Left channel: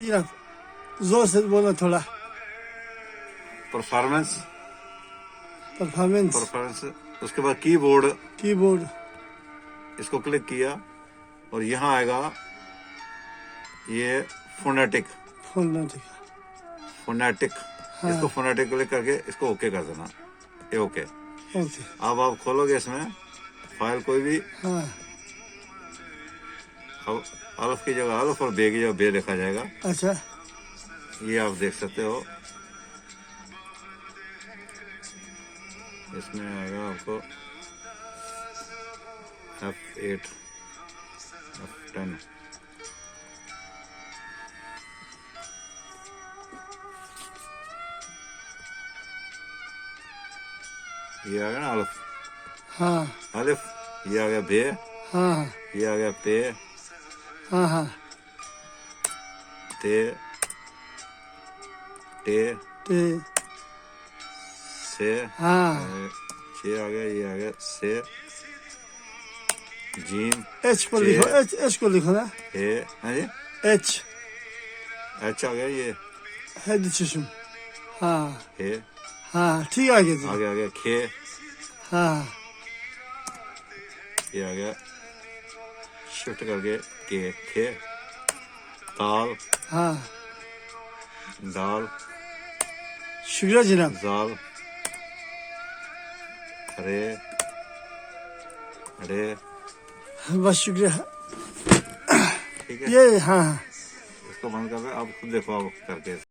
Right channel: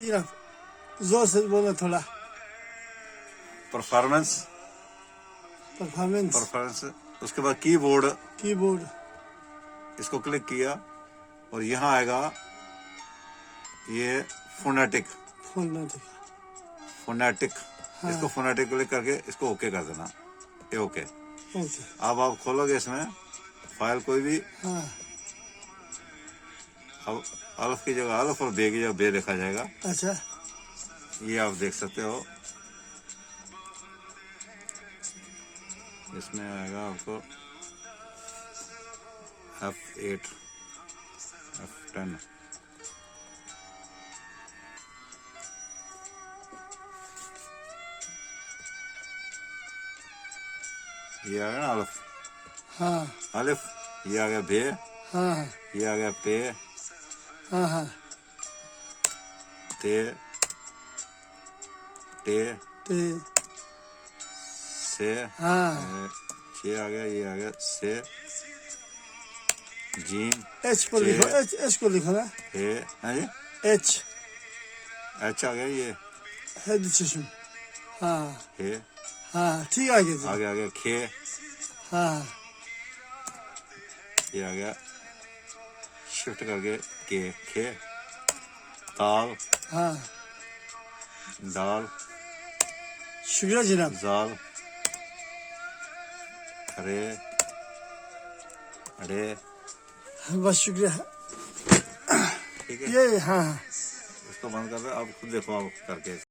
या जोर से बोलो थोड़ा। Performance performance, performance. उसके बाद कीबोर्ड, कीबोर्ड, इसको क्लिक किया और यहाँ आएगा ये फोनेटिक, फोनेटिक, फोनेटिक। हाँ। इसको फोनेटिक क्लिक करके इसको ओके कर देना, ये ओके। ओके, अब आप खोलोगे इसमें फाइल कोई भी, हाँ। अब अल्फ की जगह अल्फ और बे की जगह बे लिखा जाएगा। अच्छा, ये आप देख सकते हो। इसमें आएगा आपको F8, F10। ये आ गया ना अल्फ, हाँ, अलिफ। ये आ गया बे, हाँ, ये आ गया पे, हाँ, हाँ, ते, टे, टे, से, हाँ। छे आ गया, ये आ गया से, जीम, एच पर लिखो, एच, एच को लिखो ना। हे, हाँ जी, एच, अच्छा आ गया ये, हेड चुशुम, हाँ, हे, हाँ, ठीक आ गया जी। आ गया खे, हाँ, ये आ गया शिफ्ट करके के, खे, ताल, हाँ। दाल, शुक्रिया जनाब। जाल, रे, रे, बस शुक्रिया। ठीक है। ये, हाँ, इसको बंद कर दो, अब खुद देखो आप करके।